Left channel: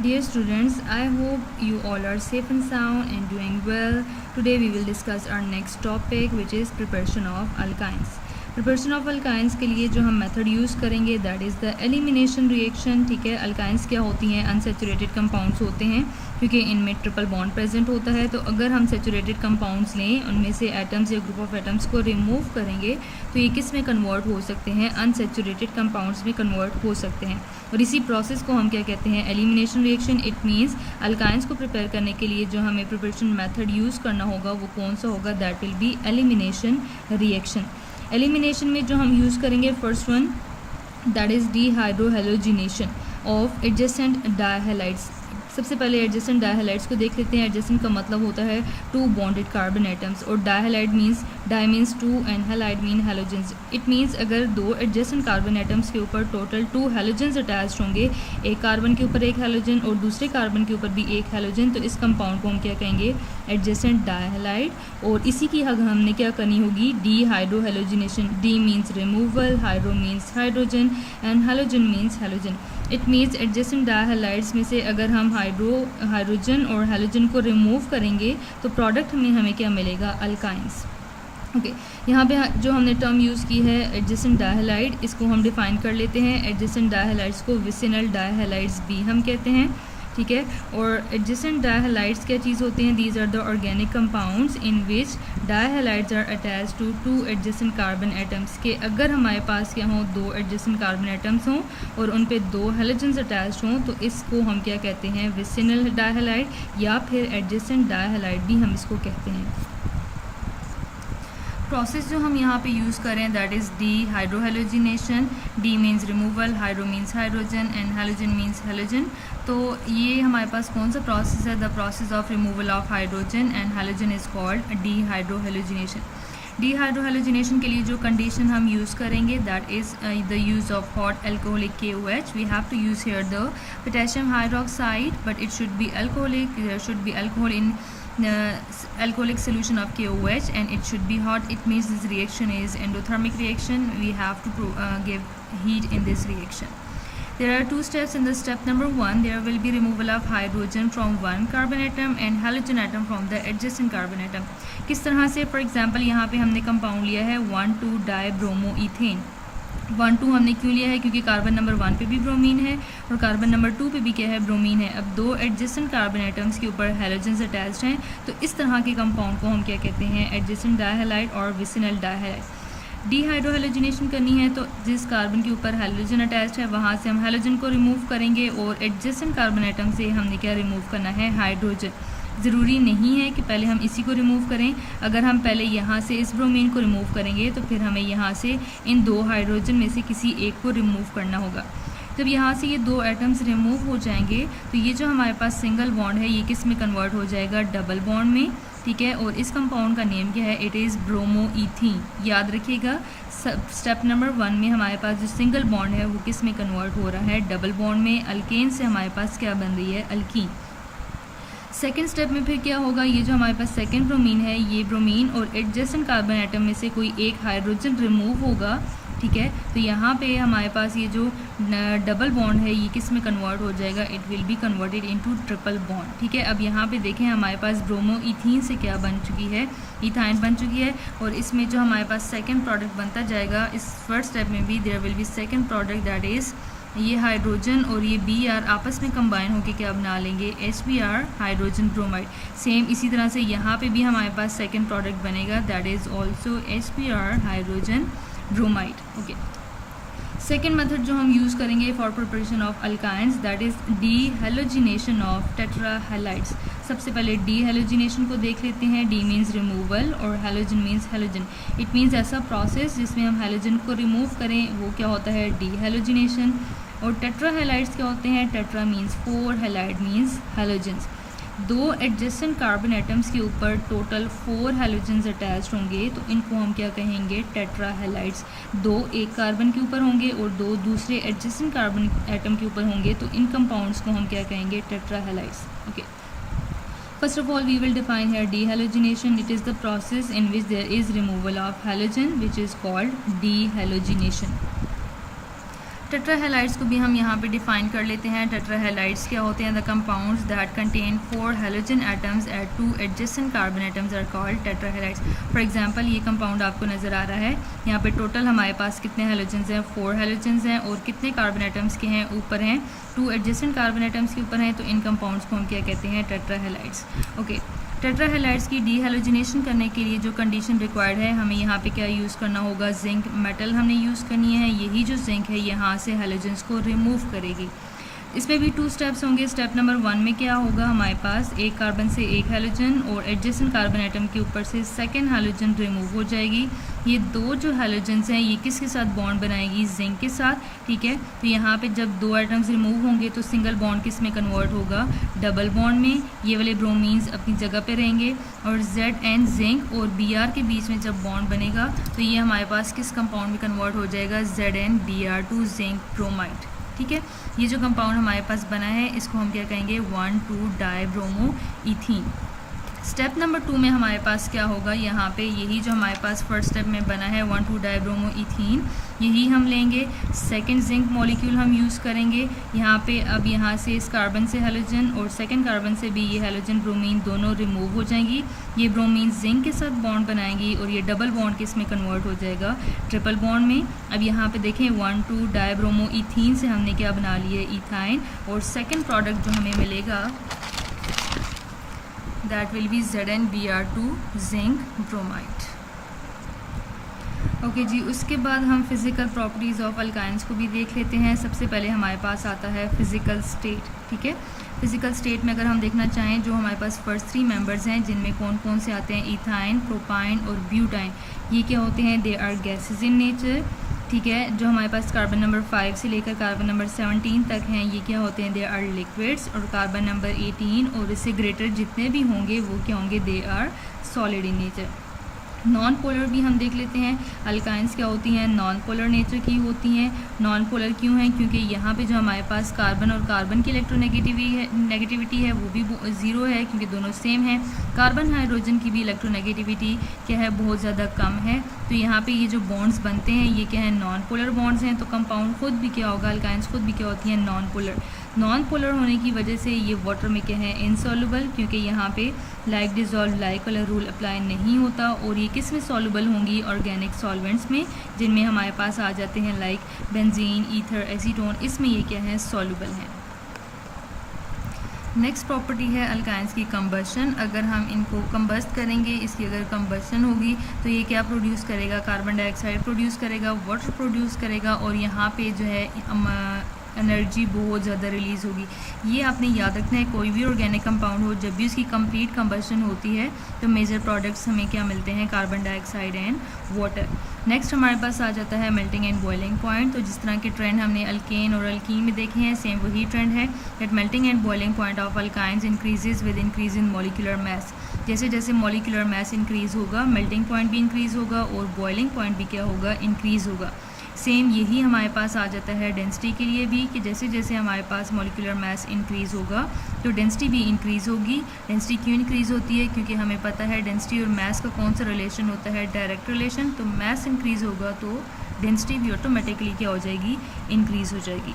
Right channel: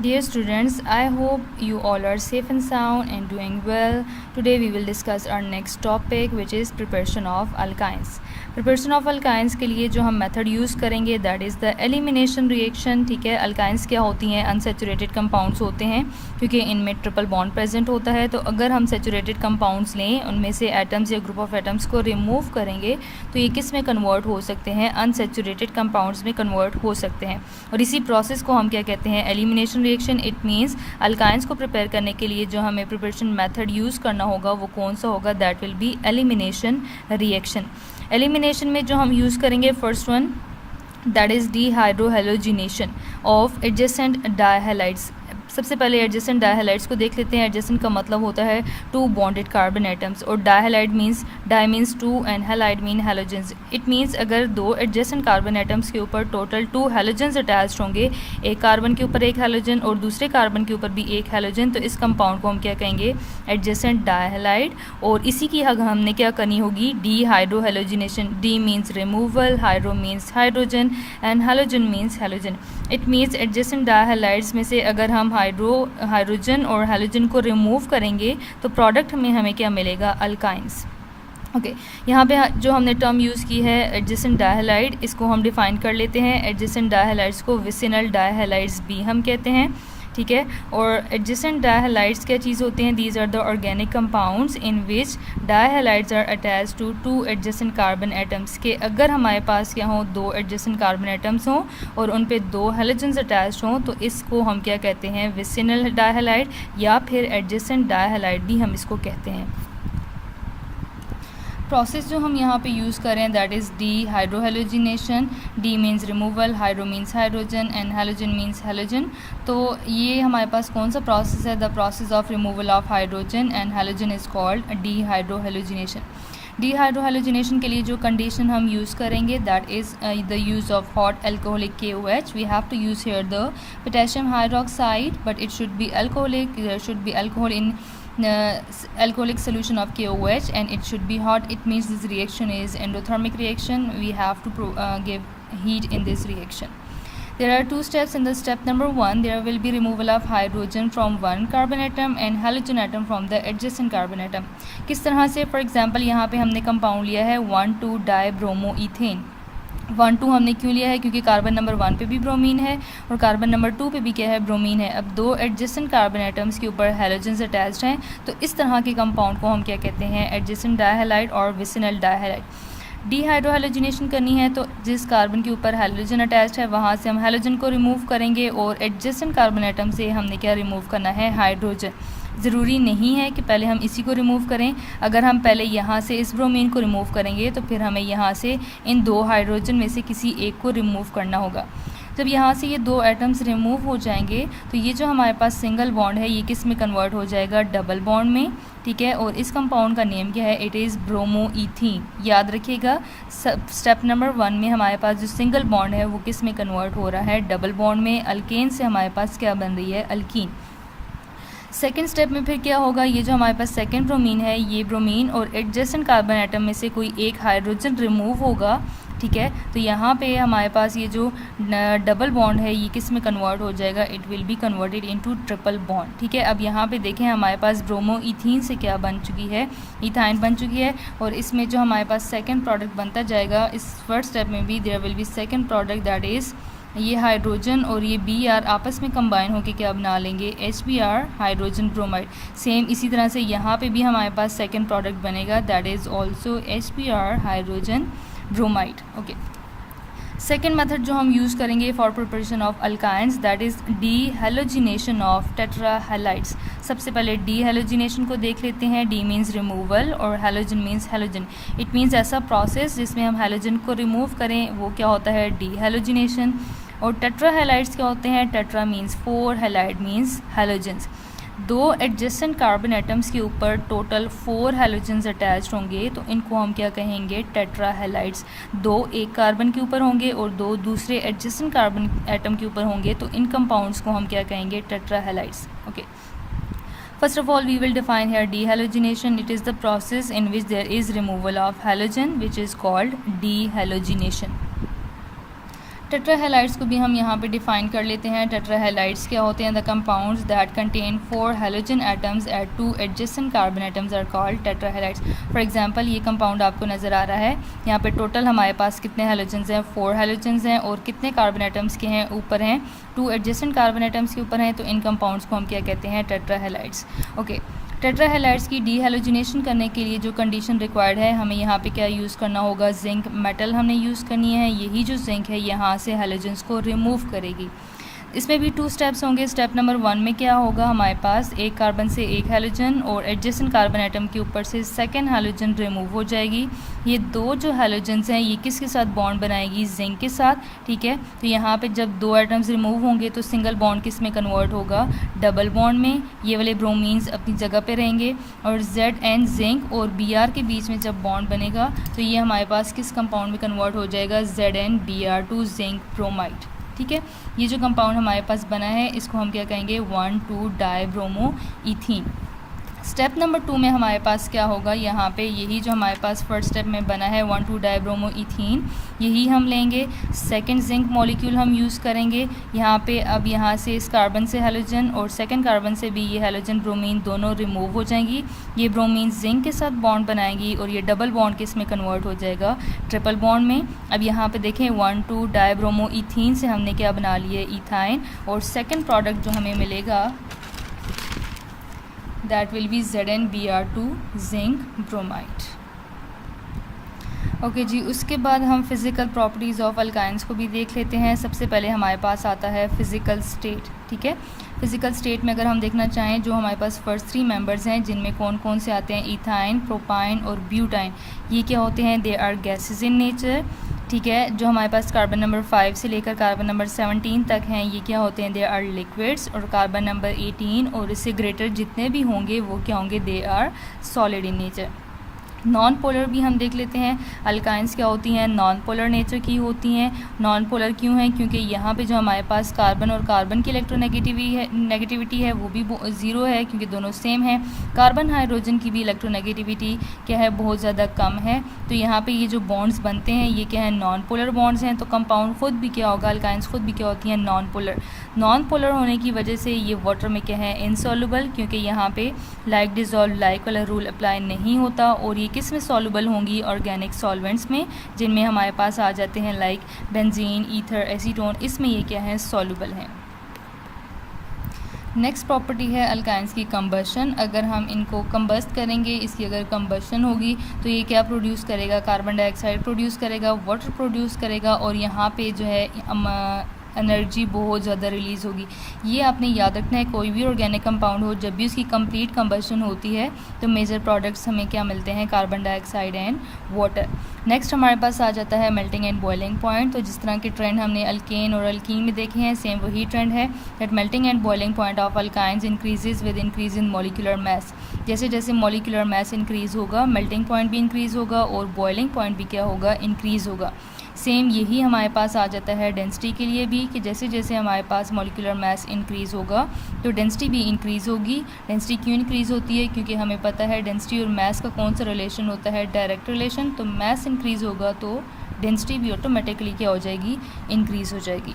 Dear students, I hope you all are safe and sound and doing well. Today we will discuss our next topic which is preparation of alkynes. Preparation of alkynes के लिए जो हम method use करेंगे that is the elimination reaction. ठीक है, alkynes क्या होती हैं? अनसेचुरेटेड कंपाउंड्स होते हैं क्योंकि इनमें ट्रिपल बॉन्ड प्रेजेंट होता है. तो अगर हम सेचुरेटेड कंपाउंड्स लें, उनमें से एटम्स या ग्रुप ऑफ एटम्स को रिमूव करेंगे तो ये किस में कन्वर्ट हो सकते हैं? अनसेचुरेटेड कंपाउंड्स में कन्वर्ट हो सकते हैं. और इसी प्रोसेस को हम क्या कहते हैं? Elimination reaction. It means alkynes को प्रिपेयर करने के लिए जो हमें प्रिपरेशन मेथड यूज़ करना होगा वो कौन सा होगा? That will be elimination reaction. Elimination में जो हम यूज़ करेंगे first one that is dehydrohalogenation of adjacent dihalides. सबसे पहले एडजेसेंट डायहैलाइड्स को देख लेते हैं. एडजेसेंट का मतलब होता है टू बॉन्डेड कार्बन एटम्स और dihalide means di means two and halide mean halogens. It means अगर दो एडजेसेंट कार्बन एटम्स के ऊपर टोटल 2 हैलोजेंस अटैच्ड होंगे, एक कार्बन के ऊपर एक हैलोजन और दूसरे कार्बन के ऊपर भी एक हैलोजन, तो इस कंपाउंड को हम क्या कहेंगे? Adjacent dihalide. और इसी की हमने क्या करनी होगी? Dehydrohalogenation. De means removal, hydro means hydrogen and halogen means halogen. It means adjacent dihalides में से अगर हम हाइड्रोजन और हैलोजन को रिमूव करेंगे तो प्रोडक्ट में हमें क्या मिलेगा? अल्काइंस. ओके, यहाँ पे जो हमने टर्म यूज़ की है एडजेसेंट डायहैलाइड, इसको हम डिफाइन कर लेते हैं. एडजेसेंट डायहैलाइड्स को विसिनल डायहैलाइड्स भी हम कहते हैं. ठीक है, और एडजेसेंट डायहैलाइड्स क्या चीज़ होते हैं? These are the organic compounds in which dihalides are attach to 2 adjacent carbon atoms. के अगर हमारे पास क्या हो? 2 एडजेसेंट कार्बन एटम्स हों और उन पे 2 हैलोजेंस अटैच हों तो इसको हम क्या कहते हैं? विसिनल डायहैलाइड या फिर एडजेसेंट डायहैलाइड भी हम इसको कहते हैं. प्रोसेस जो हम यहाँ पे यूज़ करें that is dehydrohalogenation. De means removal, hydro means hydrogen and halogen means halogen. तो ये हमारे पास कौन सा प्रोसेस है? The process of removal of hydrogen and halogen is called dehydrohalogenation. Dehydrohalogenation के लिए जो कंडीशन हम यूज़ करेंगे that is the use of hot alcoholic KOH. We have to use here the potassium hydroxide but it should be alcoholic. There should be alcohol in alcoholic solution of KOH and it should be hot. It means this reaction is endothermic reaction. We have to give heat in this reaction. There are 2 steps. In the step number 1 there will be removal of hydrogen from one carbon atom and halogen atom from the adjacent carbon atom. किस तरह से? For example यहाँ पे हमने compound लिया है 1,2-डाइब्रोमोइथेन. 1,2 हमने क्यों लिया है? क्योंकि कार्बन नंबर 1 पे भी ब्रोमीन है और कार्बन नंबर 2 पे भी क्या है? ब्रोमीन है. अब 2 एडजेसेंट कार्बन एटम्स के ऊपर हैलोजेंस अटैच्ड हैं तो इस तरह के कंपाउंड को हम क्या कहते हैं? एडजेसेंट डायहैलाइड और विसिनल डायहैलाइड. डीहाइड्रोहेलोजिनेशन करनी है तो जिस कार्बन के ऊपर हैलोजन अटैच्ड है वहाँ से हम हैलोजन को रिमूव करेंगे और एडजेसेंट कार्बन एटम से हमने क्या रिमूव करना है? हाइड्रोजन. ज़रूरी नहीं है कि पहले हम इसी को रिमूव करें. अगर हम पहले यहाँ से इस ब्रोमीन को रिमूव करेंगे तो फिर हमें यहाँ से इन 2 हाइड्रोजन में से किसी एक को रिमूव करना होगा. जब यहाँ से ये 2 एटम्स रिमूव हो जाएंगे तो ये जो हमारे पास सिंगल बॉन्ड है ये किस में कन्वर्ट हो जाएगा? डबल बॉन्ड में. ठीक है, और इस कंपाउंड का नेम क्या है? It is bromoethene. याद रखिएगा स्टेप नंबर 1 में हमारे पास जो सिंगल बॉन्ड है वो किस में कन्वर्ट हो रहा है? डबल बॉन्ड में. अल्केन से हमारे पास क्या बन रही है? अल्कीन. सेकेंड स्टेप में फिर क्या होगा? ये जो हमारे पास सेकेंड ब्रोमीन है ये ब्रोमीन और एडजेसेंट कार्बन एटम में से कोई एक हाइड्रोजन रिमूव होगा. ठीक है, तो यहाँ पे हमारे पास ये जो डबल बॉन्ड है ये किस में कन्वर्ट हो जाएगा? It will be converted into triple bond. ठीक है, अब यहाँ पे देखें हमारे पास ब्रोमोइथीन से क्या बन चुकी है? इथाइन बन चुकी है. और इसमें जो हमारे पास सेकेंड प्रोडक्ट बनता जाएगा इस फर्स्ट स्टेप में भी there will be second product that is ये हाइड्रोजन और ये Br आपस में कंबाइन होकर क्या बना लेंगे? HBr hydrogen bromide. सेम इसी तरह से यहाँ पे भी हमारे पास सेकेंड प्रोडक्ट बनेगा that is also HBr hydrogen bromide. Okay, second method जो हम यूज़ करेंगे for preparation of alkynes that is dehalogenation of tetrahalides. सबसे पहले डीहेलोजिनेशन को देख लेते हैं. डी मीन्स रिमूवल और halogen means halogen. It means ऐसा प्रोसेस जिसमें हम हैलोजन को रिमूव करें वो क्या होता है? डीहेलोजिनेशन. और टेट्राहैलाइड्स क्या होते हैं? Tetra means 4, halide means halogens. 2 adjacent carbon atoms के ऊपर टोटल 4 हैलोजेंस अटैच्ड होंगे तो इनको हम क्या कहेंगे? टेट्राहैलाइड्स. 2 एक कार्बन के ऊपर होंगे और 2 दूसरे एडजेसेंट कार्बन एटम के ऊपर होंगे तो इन कंपाउंड्स को हम क्या कहेंगे? Tetrahalides. Okay, first of all we will define here dehalogenation. It is the process in which there is removal of halogen which is called dehalogenation. टेट्राहेलाइड्स को भी हम यहाँ पे डिफाइन कर लेते हैं। टेट्राहेलाइड्स क्या होते हैं? The compounds that contain 4 halogen atoms at 2 adjacent carbon atoms are called tetrahalides. For example ये कंपाउंड आपको नज़र आ रहा है, यहाँ पे टोटल हमारे पास कितने हैलोजन्स हैं? 4 हैलोजन्स हैं। और कितने कार्बन एटम्स के हैं? ऊपर हैं 2 एडजेसेंट कार्बन एटम्स के ऊपर हैं। तो इन कंपाउंड्स को हम क्या कहते हैं? टेट्राहेलाइड्स। ओके, टेट्राहेलाइड्स की डीहैलोजिनेशन करने के लिए जो कंडीशन रिक्वायर्ड है, हमें यहाँ पे क्या यूज़ करना होगा? जिंक मेटल हमने यूज़ करनी है। यही जो जिंक है यहाँ से हैलोजन्स को रिमूव करेगी। इसमें भी 2 स्टेप्स होंगे। स्टेप नंबर 1 में क्या होगा? हमारे पास एक कार्बन से एक हैलोजन और एडजेसेंट कार्बन एटम के ऊपर से सेकेंड हैलोजन रिमूव हो जाएगी। ये 2 जो हैलोजन्स हैं ये किसके साथ बॉन्ड बनाएगी? जिंक के साथ। ठीक है, तो यहाँ पे जब 2 एटम्स रिमूव होंगे तो सिंगल बॉन्ड किस में कन्वर्ट होगा? डबल बॉन्ड में। ये वाले ब्रोमीन्स अपनी जगह पे रहेंगे और ZN जिंक और Br के बीच में जब बॉन्ड बनेगा तो ये हमारे पास किस कंपाउंड में कन्वर्ट हो जाएगा? ZnBr2 zinc bromide. ठीक है, ये जो कंपाउंड हमारे पास बना है इसको हम क्या कहेंगे? 1,2-डाइब्रोमो ईथीन। स्टेप नंबर 2 में हमारे पास क्या होगा? यहाँ पे यही जो हमारे पास फर्स्ट स्टेप में बना है 1,2-डाइब्रोमो ईथीन, यही हम लेंगे। सेकंड जिंक मॉलिक्यूल हम यूज़ करेंगे यहाँ पे। अब यहाँ से इस कार्बन से हैलोजन और सेकंड कार्बन से भी ये हैलोजन ब्रोमीन दोनों रिमूव हो जाएंगी। ये ब्रोमीन जिंक के साथ बॉन्ड बनाएंगी और ये डबल बॉन्ड किस में कन्वर्ट हो जाएगा? ट्रिपल बॉन्ड में। अब यहाँ पे देखें 1,2-डाइब्रोमो ईथीन से हमने क्या बना लिया? इथाइन। और सेकेंड प्रोडक्ट जो हमें मिलेगा that will be ZnBr2 zinc bromide। Okay जी, उसके बाद हम फिज़िकल प्रॉपर्टीज़ ऑफ अल्काइंस को भी देख लेते हैं। सबसे पहले हमारे पास आता है फिज़िकल स्टेट। ठीक है, फिज़िकल स्टेट में अगर हम देखना चाहें जो हमारे पास फर्स्ट 3 मेंबर्स हैं जिनमें कौन कौन से आते हैं? इथाइन, प्रोपाइन और ब्यूटाइन। ये क्या होते हैं? They are gases in nature. ठीक है, जो हमारे पास कार्बन नंबर 5 से लेकर कार्बन नंबर 17 तक हैं ये क्या होते हैं? They are liquids. और कार्बन नंबर 18 और इससे ग्रेटर जितने भी होंगे वो क्या होंगे? They are solid in nature. Non polar भी हम देख लेते हैं। अल्काइंस क्या होती हैं? नॉन पोलर नेचर की होती हैं। नॉन पोलर क्यों है? क्योंकि यहाँ पे जो हमारे पास कार्बन और कार्बन की नेगेटिविटी है वो भी 0 है क्योंकि दोनों सेम है। कार्बन हाइड्रोजन की भी इलेक्ट्रोनेगेटिविटी क्या है? बहुत ज़्यादा कम है। तो यहाँ पे ये जो बॉन्ड्स बनते हैं ये क्या है? नॉन पोलर बॉन्ड्स हैं। तो कंपाउंड खुद भी क्या होगा? अल्काइंस खुद भी क्या होती हैं? Non polar. नॉन पोलर होने की वजह से ये वाटर में क्या है? इनसॉल्युबल, क्योंकि यहाँ पे लाइक डिजॉल्व लाइक वाला रूल अप्लाई नहीं होता। और ये किस में सॉल्युबल होंगी? ऑर्गेनिक सॉल्वेंट्स में, जिनमें हमारे पास आ जाते हैं लाइक बेंजीन, ईथर, एसीटोन। इसमें ये क्या है? सॉल्युबल हैं। नेक्स्ट प्रॉपर्टी है अल्काइंस की कंबशन। अगर हम इनको कंबस्ट करेंगे, इसकी अगर कंबशन होगी तो ये क्या प्रोड्यूस करेगा? कार्बन डाइऑक्साइड प्रोड्यूस करेगा, वाटर प्रोड्यूस करेगा और यहाँ पे जो है एनर्जी बहुत ज़्यादा रिलीज़ होगी। ये आपने याद रखना है, कोई भी ऑर्गेनिक कंपाउंड हो जब भी उसकी कंप्लीट कंबशन होती है तो मेजर प्रोडक्ट्स हमें क्या मिलते हैं? Carbon dioxide and water. Next हमारे पास आ जाता है मेल्टिंग एंड बॉइलिंग पॉइंट। तो जिस तरह के ट्रेंड हमने अल्केन और अल्कीन में देखे हैं सेम वही ट्रेंड है that melting and boiling point of alkynes increases with increase in molecular mass. जैसे जैसे मॉलिक्यूलर मास इंक्रीज़ होगा मेल्टिंग पॉइंट भी इंक्रीज़ होगा और बॉइलिंग पॉइंट भी क्या होगा? इंक्रीज़ होगा। सेम यही हमारे पास आ जाता है डेंसिटी के लिए भी कि जैसे जैसे हमारे पास मॉलिक्यूलर मास इंक्रीज़ होगा तो डेंसिटी भी इंक्रीज़ होगी। डेंसिटी क्यों इंक्रीज़ होती है? क्योंकि हमें पता है डेंसिटी और मास का कौन सा रिलेशन होता है? Direct relation. तो मास इंक्रीज़ होगा तो डेंसिटी भी ऑटोमेटिकली क्या हो जाएगी? इंक्रीज़ हो जाएगी।